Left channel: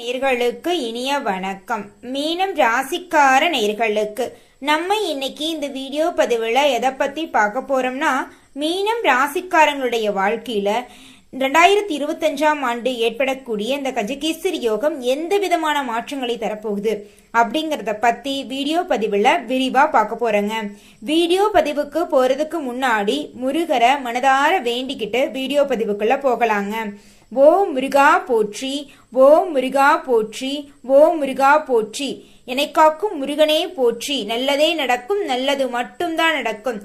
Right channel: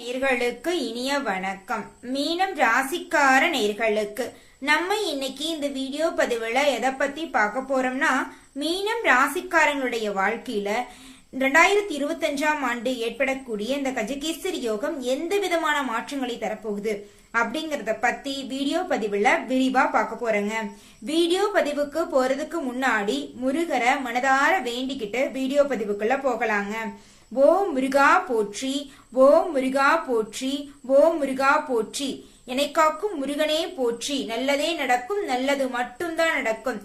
நேயர்களுக்கு இனிய வணக்கம். மீனம் ராசிக்கார நேயர்களுக்கு நம்ம இன்னைக்கு இந்த வீடியோ பதிவுல எதை பத்தி பார்க்க போறோம்னா, மீனம் ராசிக்காரங்களுடைய வாழ்க்கையில 2025ஆம் ஆண்டு ஏற்படக்கூடிய இந்த கஜகேசரி யோகம் எந்த விதமான மாற்றங்களை தரப்போகுது அப்படிங்கறத பத்தி வீடியோ பதிவுல விரிவா பார்க்க போறேங்க. வீடியோ பதிவுக்கு போறதுக்கு முன்னாடி முருகரை மனதார வேண்டிக்கிட்டு வீடியோ பதிவுக்குள்ள போகலாங்க. ஓம் முருகா போற்றி, ஓம் முருகா போற்றி, ஓம் முருகா போற்றி, என்னை காக்கும் முருகனே போற்றி, நல்லதே நடக்கும், நல்லது மட்டும்தான் நடக்கும்.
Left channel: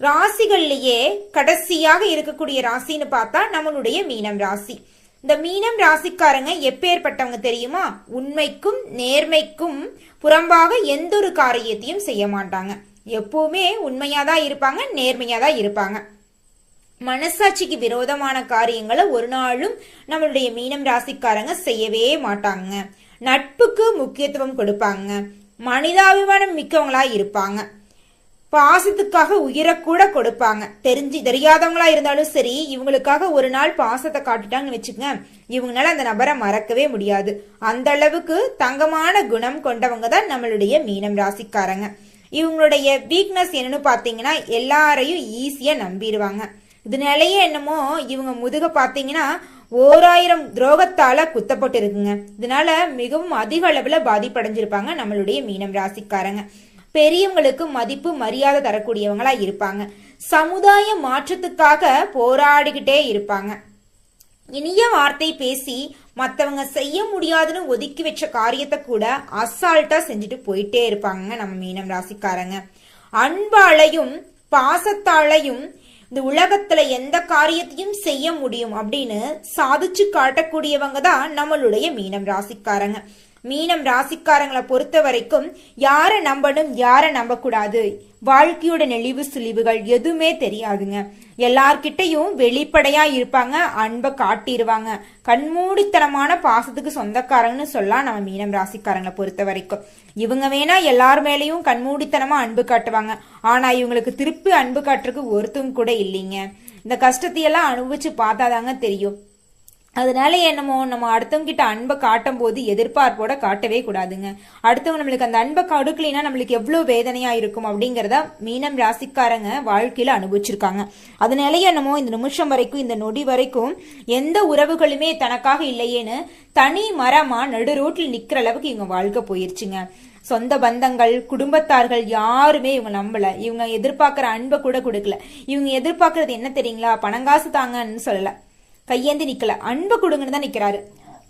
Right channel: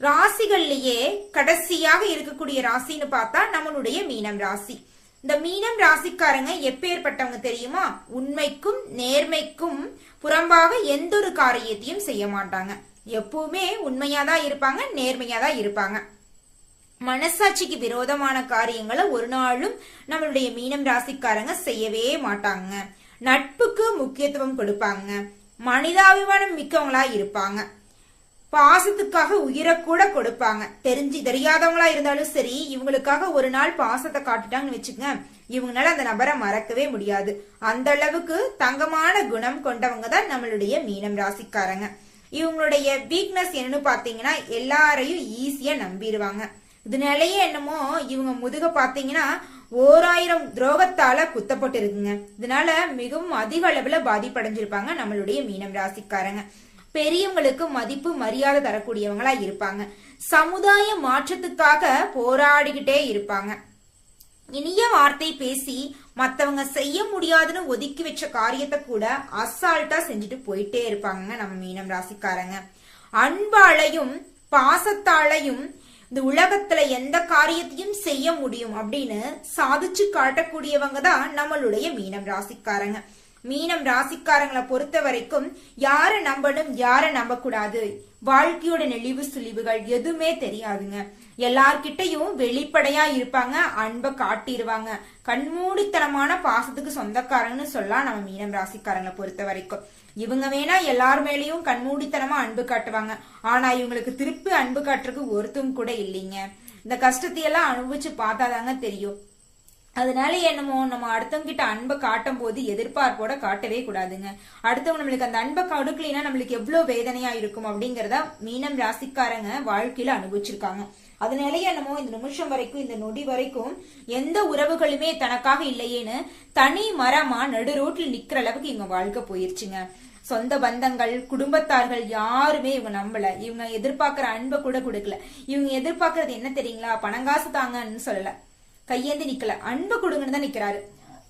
ராசிகள்லயே கடைசியாக இருக்கக்கூடிய ராசின்னு பார்த்தா நம்மளுடைய மீனம் ராசி. இந்த மீனம் ராசிக்காரங்க எப்பேற்பட்டவங்க தெரியுமா? உண்மைக்கும் நேர்மைக்கும் புறம்பாக எந்த ஒரு காரியத்தையும் செய்ய மாட்டாங்க. எப்பவுமே உண்மையாதான் இருப்பாங்க, நேர்மையாதான் இருப்பாங்க. மனசாட்சிக்கு விரோதமான காரியங்களை ஒரு நாளும் நம்மளுடைய மீனம் ராசிக்காரங்க செய்யவே மாட்டாங்க. நட்புக்கு முக்கியத்துவம் கொடுப்பாங்க. மனிதாபிமானம் மிக்கவங்களா இருப்பாங்க. பாசத்துக்காக உயிரை கூட கொடுப்பாங்க. தெரியாதவங்களா இருந்தாலும் சரி, இவங்களுக்காக ஒரு நாள் பாசத்தை காட்டுட்டாங்கன்னு வச்சுக்கங்க, இவங்களால அந்த நபரை மறக்கவே முடியாது. அந்த அளவுக்கு தங்கமான குணம் கொண்டவங்க தான் நம்மளுடைய மீனம் ராசிக்காரங்க. இவங்களுடைய வீக்னஸ் என்னன்னு பாத்தீங்கன்னா, எல்லாரையும் ஈஸியா நம்பிடுவாங்க. இதனாலேயே என்னமோ இவங்க முதுக பாத்தீங்கன்னா 1000 துரோகத்தால குத்தப்பட்டு இருக்குங்க. இதனால மிகவும் அதிக அளவுல பாதிப்படைஞ்சிருப்பாங்க நம்மளுடைய மீனம் ராசிக்காரங்க. பெரியவங்களுக்கு மதிப்பு மரியாதை தரக்கூடியவங்களா இருப்பாங்க. சமுதாய மாற்றத்துக்காக போராடிக்கிட்டே இருப்பாங்க. இனிய வார்த்தை பேசி மத்தவங்க செய்ய முடியாதுன்னு ஒதுக்கி வச்ச காரியத்தை கூட அசால்ட்டா செஞ்சுட்டு போயிட்டே இருப்பாங்க நம்ம மீனம் ராசிக்காரங்க. அன்பாலையும் பாசத்தாலையும் இந்த உலகத்துல எந்த காரியத்தையும் செய்ய முடியும் அப்படின்னு சாதிச்சு காட்டக்கூடியவங்க தான் நம்மளுடைய மீனம் ராசிக்காரங்க. மீனம் ராசிக்காரங்களை பொறுத்த வரைக்கும் யாரை நம்பணும், யாரை நம்ப கூடாது, வாழ்க்கையோட நெளிவு சுழிவுகள் எதுவுமே தெரியாதுங்க. எல்லார்கிட்டையும் வெளிப்படையா இருப்பாங்க, அன்பை காட்டிடுவாங்க. கண்மூடித்தனமான பாசத்துக்கு சொந்தக்காரங்கன்னு சொல்லலாம் நம்ம மீனம் ராசிக்காரங்களை பொறுத்த வரைக்கும். இவங்க வேணா எல்லார் மேலேயும் கண்மூடித்தனமா அன்பு காட்டுவாங்க. ஆனா இவங்களுக்கு திருப்பி அன்பு காட்டுறதுக்கு ஒருத்தரும் கூட இல்லைங்க. இந்த கஷ்டத்தையெல்லாம் அனுபவிச்சு பார்த்தாதாங்க தெரியும். அதனால என்னமோ நம்ம அடுத்தவங்க கிட்ட அன்பை காட்டும் போது எதிர்பார்ப்போட காட்டவே கூடாதுங்க. அடுத்தவங்க நம்மளுக்கு அந்த அன்பை கொடுக்கலைன்னா நம்மளுக்கு எவ்வளவு வேதனையா இருக்கும் அப்படிங்கறத மீனம் ராசிக்காரங்க வாழ்க்கையில அனுபவிச்சிருக்காங்க. அதனாலயே என்னமோ இந்த நிமிஷம் வரைக்கும், இந்த நொடி வரைக்கும் எந்த உறவுகளுமே தனக்காக இல்லையேன்னு தனி மரமா நடு ரோட்டில் நிக்கிற அளவுக்கு இவங்க வாழ்க்கை போயிருச்சுங்க. சொந்த பந்தங்கள், குடும்பத்தார்கள் யாருமே இவங்க நம்பல. இவங்க எதிர்பார்க்கிற அன்பை கூட கொடுக்கல. இவங்க எதிர்பார்க்கறது என்ன தெரியுங்களா? பணங்காசு தாங்கன்னு சொல்லல, கையேந்தி நிக்கல, அன்பு கொடுங்கன்னு தான் நிக்கிறாரு.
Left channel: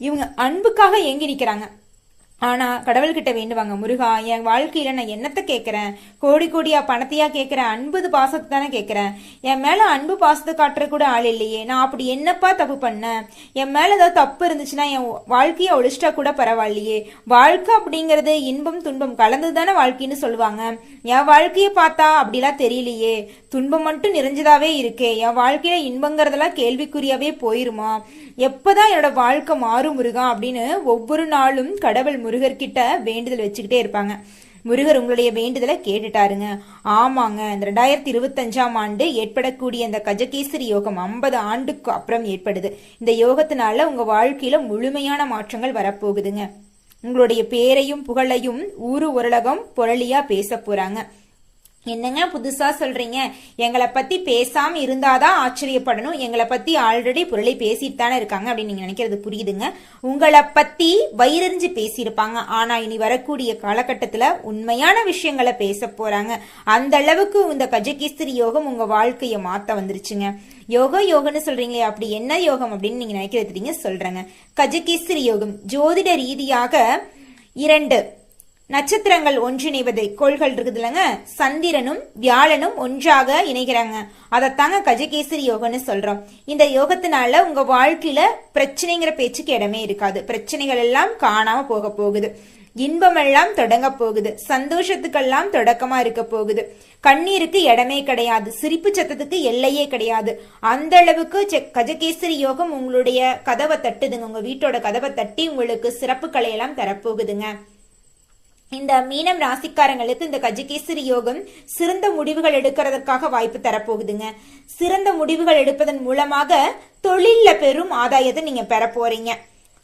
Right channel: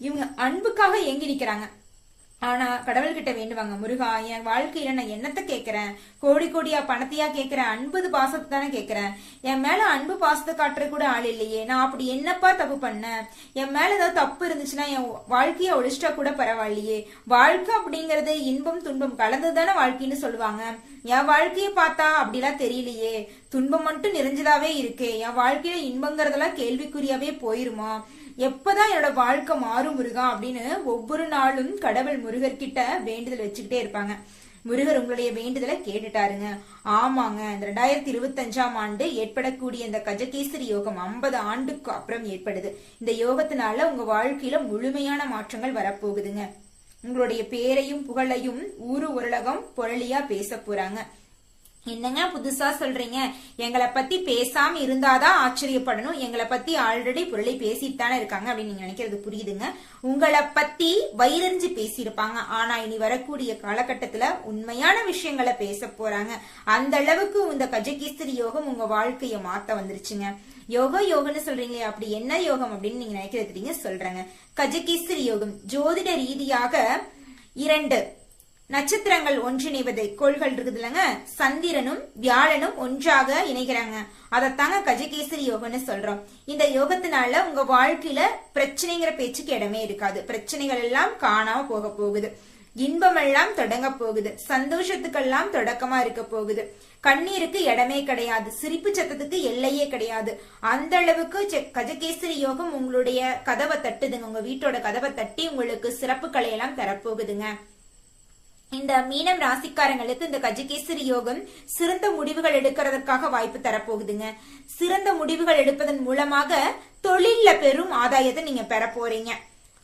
இவங்க அன்புக்காக எங்க நிக்கிறாங்க? ஆனா கடவுள்கிட்ட வேண்டுவாங்க, முருகா என் வாழ்க்கையில நான் என்னத்த கேட்கிறேன், கோடி கோடியா பணத்தையா கேட்கிறேன், அன்பு பாசத்தை தானே கேட்கிறேன். என் மேல அன்பு பாசத்தை காட்டுற கூட ஆள் இல்லையே, நான் அப்படி என்னப்பா தப்பு பண்ணேன்? என் மேல ஏதாவது தப்பு இருந்துச்சுன்னா என் வாழ்க்கையை ஒழிச்சிட்டா கூட பரவாயில்லையே. வாழ்க்கை அப்படிங்கறது இன்பம் துன்பம் கலந்துதானே வாழ்க்கைன்னு சொல்லுவாங்க. என் வாழ்க்கைய பார்த்தா அப்படிலாம் தெரியலையே, துன்பம் மட்டும் நிறைஞ்சதாவே இருக்கே. என் வாழ்க்கையில இன்பங்கிறதெல்லாம் கேள்விக்குறியாவே போயிருமா? எப்பதான் என்னோட வாழ்க்கை மாறும் முருகா அப்படின்னு ஒவ்வொரு நாளும் கடவுள் முருகர்கிட்ட வேண்டுதல் வச்சுக்கிட்டே இருப்பாங்க. முருகர் உங்களுடைய வேண்டுதலை கேட்டுட்டாருங்க. ஆமாங்க, இந்த 2025ஆம் ஆண்டு ஏற்படக்கூடிய இந்த கஜகேசரி யோகம் 50 ஆண்டுக்கு அப்புறம் ஏற்படுது. இந்த யோகத்தினால உங்க வாழ்க்கையில முழுமையான மாற்றங்கள் வரப்போகுதுங்க. உங்களுடைய பேரையும் புகழையும் ஊரு உலகம் பொருளியா பேச போறாங்க. என்னங்க புதுசா சொல்றீங்க? எங்களை பத்தி பேசாம இருந்தாதான் ஆச்சரியப்படணும். எங்களை பத்தி ஆல்ரெடி பொருளை பேசிட்டு தானே இருக்காங்க அப்படின்னு நீங்க நினைக்கிறது புரியுதுங்க. உங்களை பத்தி வயிறறிஞ்சு பேசியிருப்பாங்க. ஆனா இனி வரக்கூடிய காலகட்டத்துல உண்மையான விஷயங்களை பேச போறாங்க. அந்த அளவுக்கு இந்த கஜகேசரி யோகம் உங்க வாழ்க்கைய மாத்த வந்துருச்சுங்க. யோகன்னு சொல்றீங்களே, அப்படி என்ன யோகம் அப்படின்னு நீங்க நினைக்கிறது சொல்றேங்க. கஜகேசரி யோகம் ஜோதிட ரீதியாக 2 நட்சத்திரங்கள் ஒன்றிணைவது கோள்கள் இருக்குது இல்லைங்க, சந்திரனும் வியாழனும் ஒன்றாக இணைகிறாங்க. அதைத்தாங்க கஜகேசரி யோகம்னு சொல்றோம். இந்த யோகத்தினால உங்க வாழ்க்கையில பிரச்சனைங்கிற பேச்சுக்கு இடமே இருக்காது. பிரச்சனைகள் எல்லாம் காணாம போக போகுது. இன்பம் எல்லாம் தொடங்க போகுது. சந்தோஷத்துக்கெல்லாம் தொடக்கமா இருக்க போகுது. கண்ணீருக்கு இடமே கிடையாது. சிரிப்பு சத்தத்துக்கு எல்லையே கிடையாது. அந்த அளவுக்கு கஜகேசரி யோகம் உங்களுடைய கதவை தட்டுதுங்க. உங்க வீட்டோட கதவை தட்டி உங்களுக்கு சிறப்பு கலையெல்லாம் தரப்போகுதுங்க. இந்த மீனம் ராசிக்காரங்களுக்கு இந்த கஜகேசரி யோகம் சிறந்த முடிவுகள் எடுக்கிறதுக்காக வாய்ப்பு தரப்போகுதுங்க. சிறந்த முடிவுகள் எடுப்பதன் மூலமாக தொழில பெரும் ஆதாயத்தை நீங்க பெற போறீங்க.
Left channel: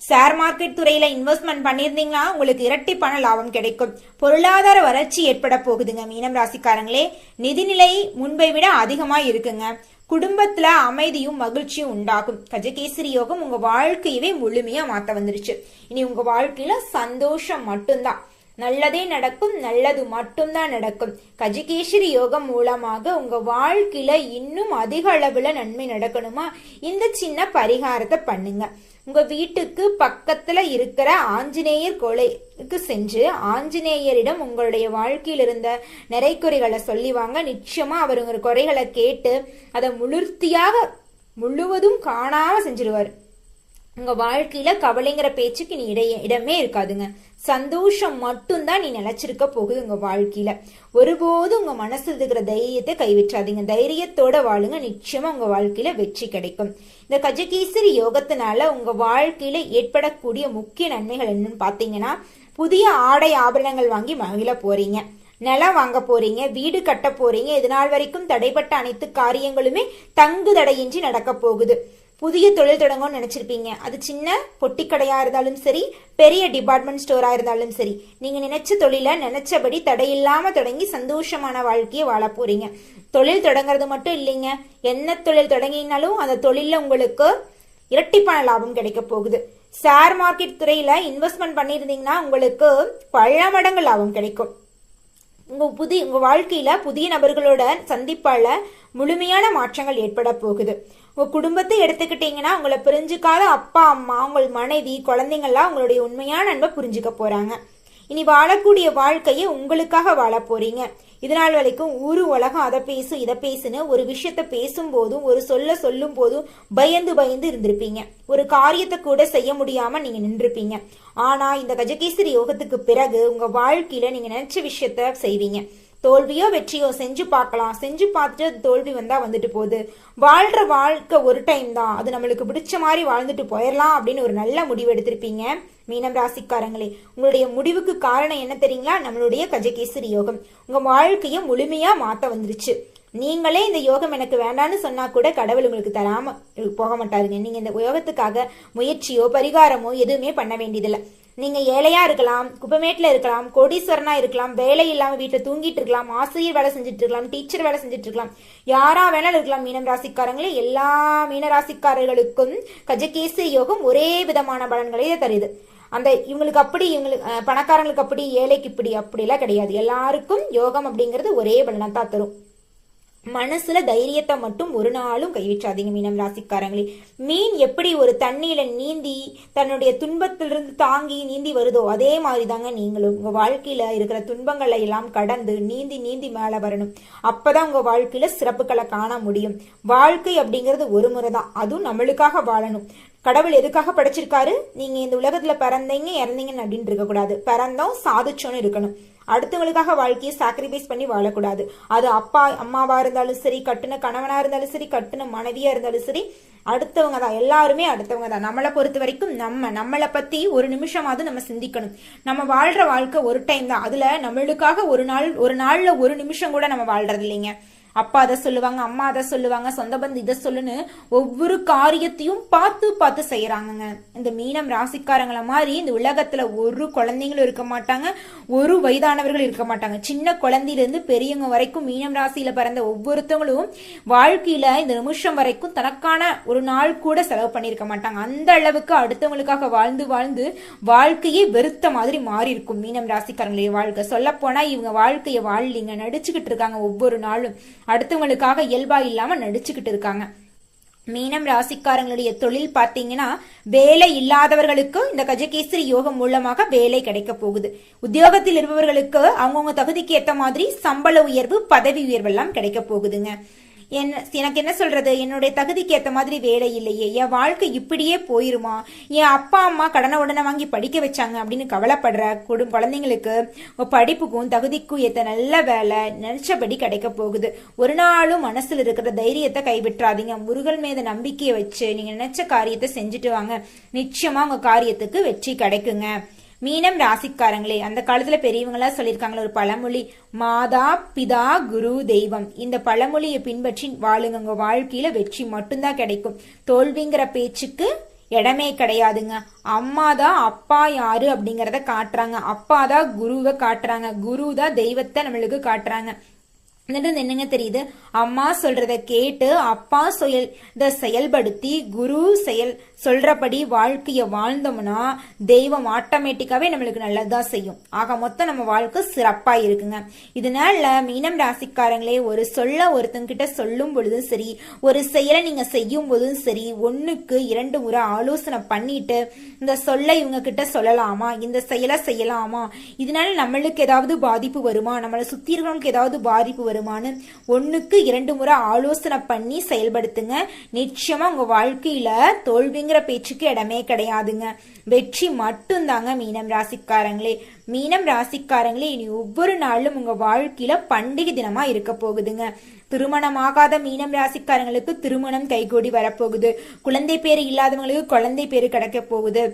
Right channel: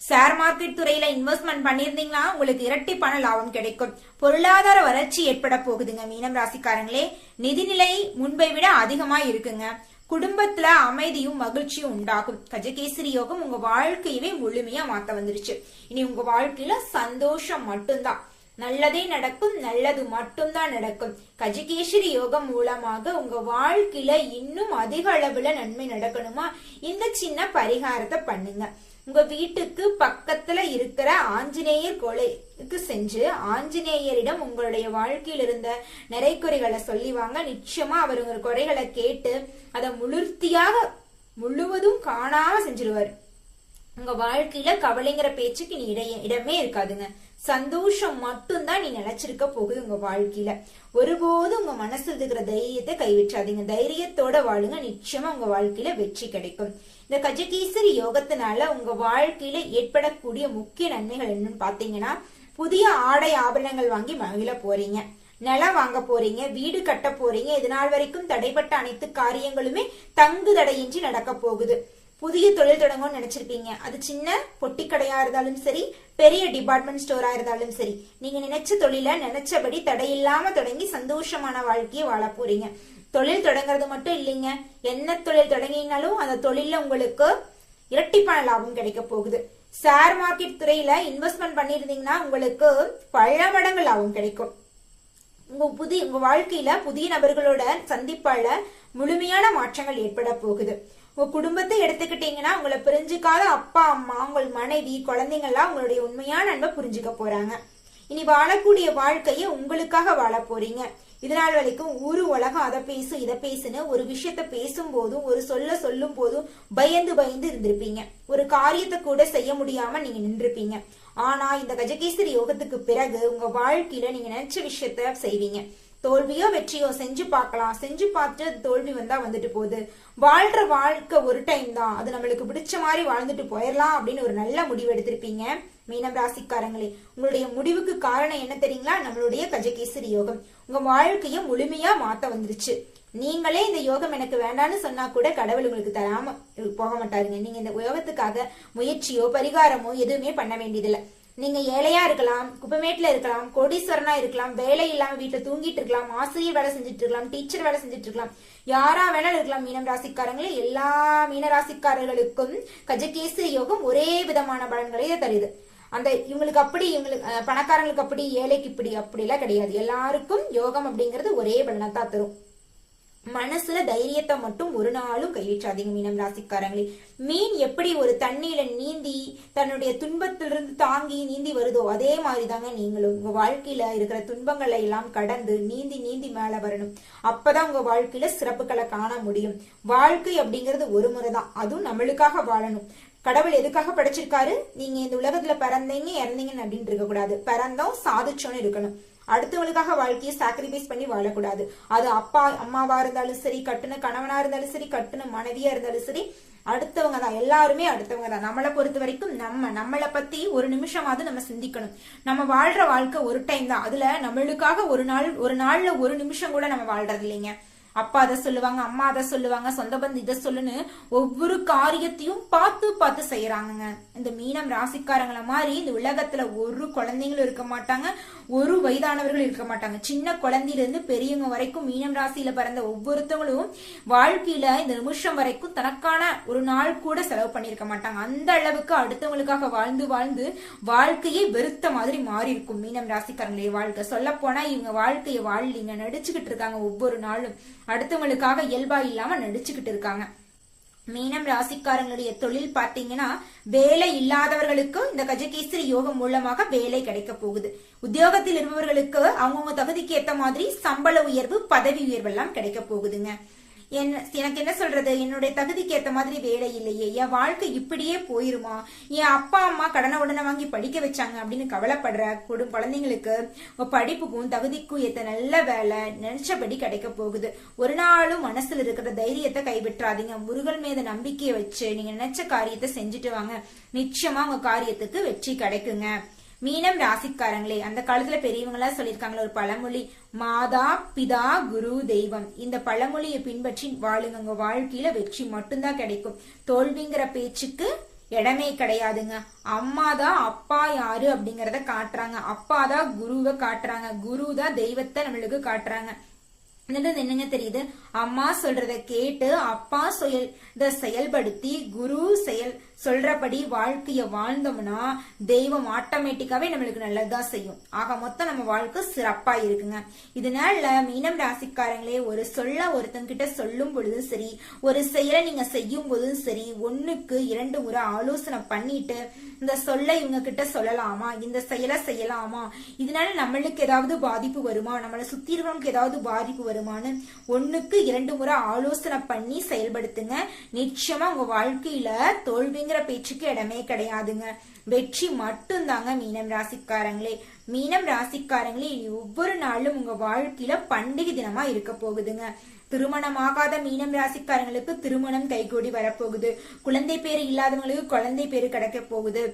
ஷேர் மார்க்கெட் துறையில இன்வெஸ்ட்மெண்ட் பண்ணிருந்தீங்கன்னா உங்களுக்கு இரட்டி பண லாபம் கிடைக்கும். பொருளாதார வளர்ச்சி ஏற்பட போகுதுங்க மீனம் ராசிக்காரங்களே. நிதிநிலை முன்பை விட அதிகமா இருக்குங்க. குடும்பத்துல அமைதியும் மகிழ்ச்சியும் உண்டாகும். கஜகேசரி யோகம் உங்க வாழ்க்கையவே முழுமையா மாத்த வந்துருச்சு. இனி உங்க வாழ்க்கையில சந்தோஷம் மட்டும்தான், நல்லதே நடக்கும், நல்லது மட்டும்தான் நடக்கும். கஜகேசரி யோகம் மூலமாக உங்க வாழ்க்கையில இன்னும் அதிக அளவுல நன்மை நடக்கணுமா, இந்த சின்ன பரிகாரத்தை பண்ணுங்க. உங்க வீட்டுக்கு பக்கத்துல இருக்கிற ஆஞ்சநேயர் கோயிலுக்கு சென்று ஆஞ்சநேயரிடம் உங்களுடைய வாழ்க்கையில் இருந்த நிறைக்குறைகளை சொல்லிவாங்க. நிச்சயமா அவர் உங்க குறைகளை கேட்டு அதை முழுவதும் காணாம செஞ்சிருவாரு. உங்க வாழ்க்கையில கவலைங்கிற பேச்சுக்கு நீ இடமே இருக்காதுங்க. சந்தோஷம் மட்டும்தான் நீ நினைச்சிருக்க போகுது உங்க வாழ்க்கையில. ஒருபோதும் உங்க மனசுல இருக்கிற தைரியத்தை கைவிட்டாதீங்க. தைரியத்தோட வாழுங்க. நிச்சயமா உங்க வாழ்க்கையில வெற்றி கிடைக்கும். இந்த கஜகேசரி யோகத்தினால உங்க வாழ்க்கையில ஏற்படக்கூடிய முக்கிய நன்மைகள் என்னன்னு பாத்தீங்கன்னா, புதிய ஆடை ஆபரணங்கள் வாங்கி மகிழ போறீங்க, நிலம் வாங்க போறீங்க, வீடு கட்ட போறீங்க. இதனால் வரைக்கும் தடைப்பட்ட அனைத்து காரியங்களுமே தங்கு தடையின்றி நடக்க போகுது. புதிய தொழில் தொடங்கணும்னு நினைச்சிருப்பீங்க. அது சின்ன பொட்டி கடையா இருந்தாலும் சரி, பெரிய டிபார்ட்மெண்ட் ஸ்டோரா இருந்தாலும் சரி, நீங்க நினைச்ச தொழில நினைச்சபடி தடையில்லாம தொடங்கி சந்தோஷமான வாழ்க்கையை வாழ போறீங்க. தொழில் தொடங்குறது மட்டும் இல்லைங்க, என்ன தொழில் தொடங்கினாலும் அந்த தொழில உங்களுக்கு இரட்டிப்பான லாபம் கிடைக்க போகுது. ஷேர் மார்க்கெட் துறையில இன்வெஸ்ட்மெண்ட் பண்ணிருந்தீங்கன்னா உங்களுக்கு பல மடங்கு லாபம் கிடைக்கும். உங்க வாழ்க்கையில புதிய நபர்களோட சந்திப்பால முழுமையான மாற்றங்கள் ஏற்பட போகுது. உங்க குடும்பத்தை எடுத்துக்கிட்டீங்கன்னா, உங்களை புரிஞ்சுக்காத அப்பா அம்மா, உங்கள் மனைவி, குழந்தைங்கள்லாம் உங்களுடைய உண்மையான அன்பை புரிஞ்சுக்க போறாங்க. இனி வாழக்கூடிய வாழ்க்கையை உங்களுக்காக வாழ போறீங்க. இதனால் வரைக்கும் ஊரு உலகம் அதை பேசு இதை பேசுன்னு ஒரு விஷயத்த பேசும் போதும் ஒரு சொல்லும் போதும் பயந்து இருந்திருப்பீங்க. ஒரு காரியத்தை கூட செய்ய முடியாம நீங்க நின்றுப்பீங்க. ஆனா இந்த கஜகேசரி யோகத்துக்கு பிறகு உங்க வாழ்க்கையில நீங்க நினைச்ச விஷயத்த செய்வீங்க. தோல்வியோ வெற்றியோ செஞ்சு பார்க்கலாம். செஞ்சு பார்த்துட்டு தோல்வி வந்தா வந்துட்டு போகுது. வாழ்ற வாழ்க்கை ஒரு டைம் தான், அது நம்மளுக்கு பிடிச்ச மாதிரி வாழ்ந்துட்டு போயிடலாம் அப்படின்னு ஒரு நல்ல முடிவு எடுத்திருப்பீங்க மீனம் ராசிக்காரங்களே. உங்களுடைய முடிவுக்கு காரணம் என்ன தெரியுங்களா? நம்மளுடைய கஜகேசரி யோகம் உங்க வாழ்க்கையை முழுமையா மாத்த வந்துருச்சு. நீங்களே இந்த யோகம் எனக்கு வேண்டான்னு சொன்னா கூட கடவுள் உங்களுக்கு தராம போக மாட்டாருங்க. நீங்க இந்த யோகத்துக்காக முயற்சியோ பரிகாரமோ எதுவுமே பண்ண வேண்டியதில்லை. நீங்க ஏழையா இருக்கலாம், குப்பமேட்ல இருக்கலாம், கோடீஸ்வரனா இருக்கலாம், வேலை இல்லாம வீட்டுல தூங்கிட்டு இருக்கலாம், ஆசிரியர் வேலை செஞ்சுட்டு இருக்கலாம், டீச்சர் வேலை செஞ்சுட்டு இருக்கலாம், யாரா வேணாலும் இருக்கலாம். மீனம் ராசிக்காரங்களே, எல்லா மீனராசிக்காரர்களுக்கும் கஜகேசரி யோகம் ஒரே விதமான பலன்களை தருது. அந்த இவங்களுக்கு அப்படி, இவங்களுக்கு பணக்காரங்களுக்கு அப்படி, ஏழைக்கு இப்படி அப்படிலாம் கிடையாது. எல்லாருக்கும் யோகம் அப்படிங்கிறது ஒரே பலனத்தான் தரும். மனசுல தைரியத்தை மட்டும் ஒரு நாளும் கைவிட்டாதீங்க மீனம் ராசிக்காரங்களே. மீன் எப்படி ஒரு தண்ணியில நீந்தி தன்னுடைய துன்பத்திலிருந்து தாங்கி நீந்தி வருதோ, அதே மாதிரி தாங்க நீங்களும் உங்க வாழ்க்கையில இருக்கிற துன்பங்களை எல்லாம் கடந்து நீந்தி மேல வரணும். அப்பதான் உங்க வாழ்க்கையில சிறப்புகளை காண முடியும். வாழ்க்கை அப்படிங்கிறது ஒரு முறை தான், அதுவும் நம்மளுக்காக வாழணும். கடவுள் எதுக்காக படைச்சிருக்காரு? நீங்க இந்த உலகத்துல பிறந்தீங்க இறந்தீங்கன்னு அப்படின்னு இருக்க கூடாது. பிறந்தோம் சாதிச்சோன்னு இருக்கணும். அடுத்தவங்களுக்காக வாழ்க்கையை சாக்ரிஃபைஸ் பண்ணி வாழக்கூடாது. அது அப்பா அம்மாவா இருந்தாலும் சரி, கட்டுன கணவனா இருந்தாலும் சரி, கட்டுன மனைவியா இருந்தாலும் சரி, அடுத்தவங்க தான். எல்லாருமே அடுத்தவங்க தான். நம்மளை பொறுத்த வரைக்கும் நம்மளை பத்தி ஒரு நிமிஷமாவது நம்ம சிந்திக்கணும். நம்ம வாழ்ற வாழ்க்கை ஒரு டைம் தான். அதுல நம்மளுக்காக ஒரு நாள்ல ஒரு நிமிஷம் கூட நம்ம வாழ்றது இல்லைங்க. அப்பா அதை சொல்லுவாங்க, அம்மா அதை சொல்லுவாங்க, சொந்த பந்து இதை சொல்லுன்னு ஒவ்வொரு காரியத்தையும் பார்த்து செய்யறாங்க. இந்த மீனம் ராசிக்காரங்களை மாதிரி இந்த உலகத்துல ஒரு குழந்தைங்களும் இருக்க மாட்டாங்க, ஒரு வயதானவர்கள் இருக்க மாட்டாங்க. சின்ன குழந்தையில இருந்து பெரியவங்க வரைக்கும் மீனம் ராசியில பிறந்த ஒவ்வொருத்தவங்களும் வாழ்க்கையில இந்த நிமிஷம் வரைக்கும் தனக்கான ஒரு நாள் கூட செலவு பண்ணிருக்க மாட்டாங்க. அந்த அளவுக்கு அடுத்தவங்களுக்காக வாழ்ந்து வாழ்க்கையே வெறுத்த மாதிரி மாறி இருக்கும் மீனம் ராசிக்காரங்களுடைய வாழ்க்கை. சொல்ல போனா இவங்க வாழ்க்கையை வாழலிங்க, நடிச்சுக்கிட்டு இருக்காங்க. ஒவ்வொரு நாளும் அடுத்தவங்களுக்காக இயல்பா இல்லாம நடிச்சுக்கிட்டு இருக்காங்க. மீனம் ராசிக்காரங்களுடைய தொழில் பாத்தீங்கன்னா, வேலை இல்லாதவர்களுக்கு இந்த கஜகேசரி யோகம் மூலமாக வேலை கிடைக்க போகுது. உத்தியோகத்தில் இருப்பவர்களுக்கு அவங்கவுங்க தகுதிக்கு ஏற்ற மாதிரி சம்பள உயர்வு, பதவி உயர்வு எல்லாம் கிடைக்க போகுதுங்க. எனக்கு என்ன சொல்றது, என்னுடைய தகுதிக்கு ஏற்ற மாதிரி வேலை இல்லையே, என் வாழ்க்கை இப்படியே போயிருமா, என் அப்பா அம்மா கடனை உடனே வாங்கி படிக்க வச்சாங்க அப்படின்னு கவலைப்படுற குழந்தைங்களுக்கு படிப்புக்கும் தகுதிக்கும் ஏற்ற நல்ல வேலை நினைச்சபடி கிடைக்க போகுது. ஒரு நாளும் மனசுல இருக்கிற தைரியத்தை கைவிட்டுறாதீங்க. முருகன் மீது நம்பிக்கையை வச்சு நீங்க நினைச்ச காரியத்தை செஞ்சுட்டு வாங்க. நிச்சயமா உங்க காரியத்துக்கு வெற்றி கிடைக்குங்க. மீனம் ராசிக்காரங்களே, அந்த காலத்துல பெரியவங்களா சொல்லியிருக்காங்களே ஒரு பழமொழி, மாதா பிதா குரு தெய்வம். இந்த பழமொழியை பின்பற்றி வாழுங்க. உங்க வாழ்க்கையில வெற்றி மட்டும்தான் கிடைக்கும். தோல்விங்கிற பேச்சுக்கு இடமே கிடையாதுங்க. அம்மா தான் அப்பா யாரு அப்படிங்கறத காட்டுறாங்க, அப்பா தான் குருவை காட்டுறாங்க, குரு தான் தெய்வத்தை நம்மளுக்கு காட்டுறாங்க. என்னங்க தெரியுது, அம்மா சொல்றத கேட்டு அப்பா செயல்படுத்தி குரு சொல்றபடி வாழ்க்கைய வாழ்ந்தோம்னா தெய்வம் ஆட்டோமேட்டிக்காவே நம்மளுக்கு நல்லதுதான் செய்யும். ஆக மொத்தம் நம்ம வாழ்க்கை சிறப்பா இருக்குங்க. இதனால மீனம் ராசிக்காரங்களே, ஒரு ஒருத்தங்கிட்ட சொல்லும் பொழுதும் சரி, ஒரு செயலை நீங்க செய்யும் போதும் சரி, 1க்கு 2 முறை ஆலோசனை பண்ணிட்டு இந்த சொல்ல இவங்க கிட்ட சொல்லலாமா, இந்த செயலை செய்யலாமா, இதனால நம்மளுக்கு ஏதாவது பாதிப்பு வருமா, நம்மளை சுத்தி இருக்கிறவங்களுக்கு ஏதாவது பாதிப்பு வருமானு 1க்கு 2 முறை ஆலோசனை பண்ணி செயல்படுத்துங்க. நிச்சயமா உங்க வாழ்க்கையில தோல்விங்கிற பேச்சுக்கு இடமே கிடையாதுங்க. வெற்றி மட்டும்தாங்க. மீனம் ராசிக்காரங்களே, மீனம் ராசிக்காரங்களே, இனி ஒவ்வொரு நாளும் உங்க வாழ்க்கையில பண்டிகை தினமா இருக்க போகுதுங்க. திருமணமாகாத மீனம் ராசிக்காரங்களுக்கு திருமணம் கைகூடி வரப்போகுது. குழந்தை பேரு இல்லாதவங்களுக்கு குழந்தை பேரு கிடைக்க போகுது.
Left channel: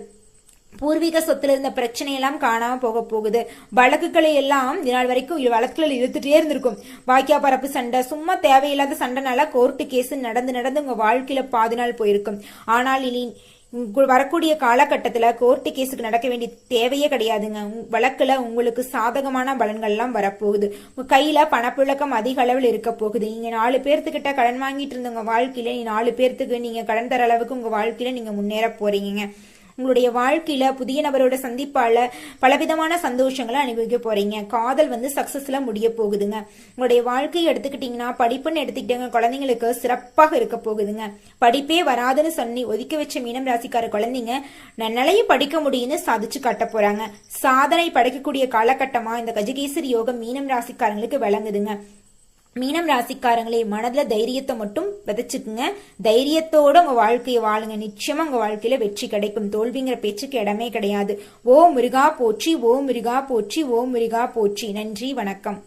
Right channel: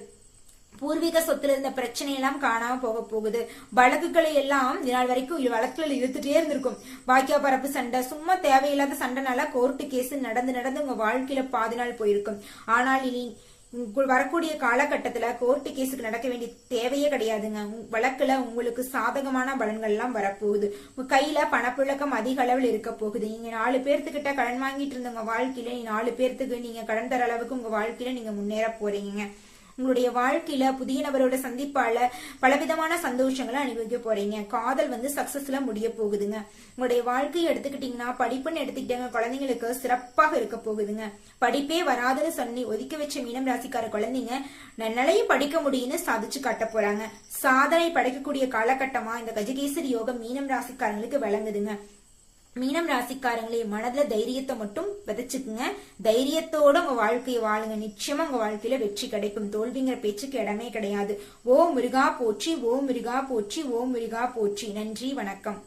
பூர்வீக சொத்துல இருந்த பிரச்சனை எல்லாம் காணாம போக போகுது. வழக்குகளை எல்லாம் இதனால் வரைக்கும் வழக்குகள் இழுத்துட்டே இருந்திருக்கும். வாக்கியா பரப்பு சண்டை, சும்மா தேவையில்லாத சண்டைனால கோர்ட்டு கேஸ் நடந்து உங்க வாழ்க்கையில பாதி நாள் போயிருக்கும். ஆனால் இனி வரக்கூடிய காலகட்டத்துல கோர்ட்டு கேஸுக்கு நடக்க வேண்டிய தேவையே கிடையாதுங்க. வழக்குல உங்களுக்கு சாதகமான பலன்கள் எல்லாம் வரப்போகுது. உங்க கையில பணப்புழக்கம் அதிக அளவில் இருக்க போகுது. நீங்க 4 பேர்த்துக்கிட்ட கடன் வாங்கிட்டு இருந்த உங்க வாழ்க்கையில 4 பேர்த்துக்கு நீங்க கடன் தர அளவுக்கு உங்க வாழ்க்கையில நீங்க முன்னேற போறீங்க. உங்களுடைய வாழ்க்கையில புதிய நபரோட சந்திப்பால பலவிதமான சந்தோஷங்களை அனுபவிக்க போறீங்க. காதல் சக்சஸ்ல முடிய போகுதுங்க. உங்களுடைய வாழ்க்கையை எடுத்துக்கிட்டீங்கன்னா, படிப்புன்னு எடுத்துக்கிட்டீங்க, குழந்தைங்களுக்கு சிறப்பாக இருக்க போகுதுங்க. படிப்பே வராதுன்னு சொல்லி ஒதுக்கி வச்ச மீனம் ராசிக்கார குழந்தைங்க நன்னலையும் படிக்க முடியும்னு சாதிச்சு காட்ட போறாங்க. சாதனை படைக்கக்கூடிய காலகட்டமா இந்த கஜகேசரி யோகம் மீனம் ராசிக்காரங்களுக்கு விளங்குதுங்க. மீனம் ராசிக்காரங்களே, மனதுல தைரியத்தை மட்டும் விதைச்சுக்குங்க. தைரியத்தோட உங்க வாழ்க்கையை வாழுங்க. நிச்சயமா உங்க வாழ்க்கையில வெற்றி கிடைக்கும். தோல்விங்கிற பேச்சுக்கு இடமே கிடையாது. ஓ முருகா போற்றி, ஓ முருகா போற்றி, ஓ முருகா போற்றி. நன்றி, வணக்கம்.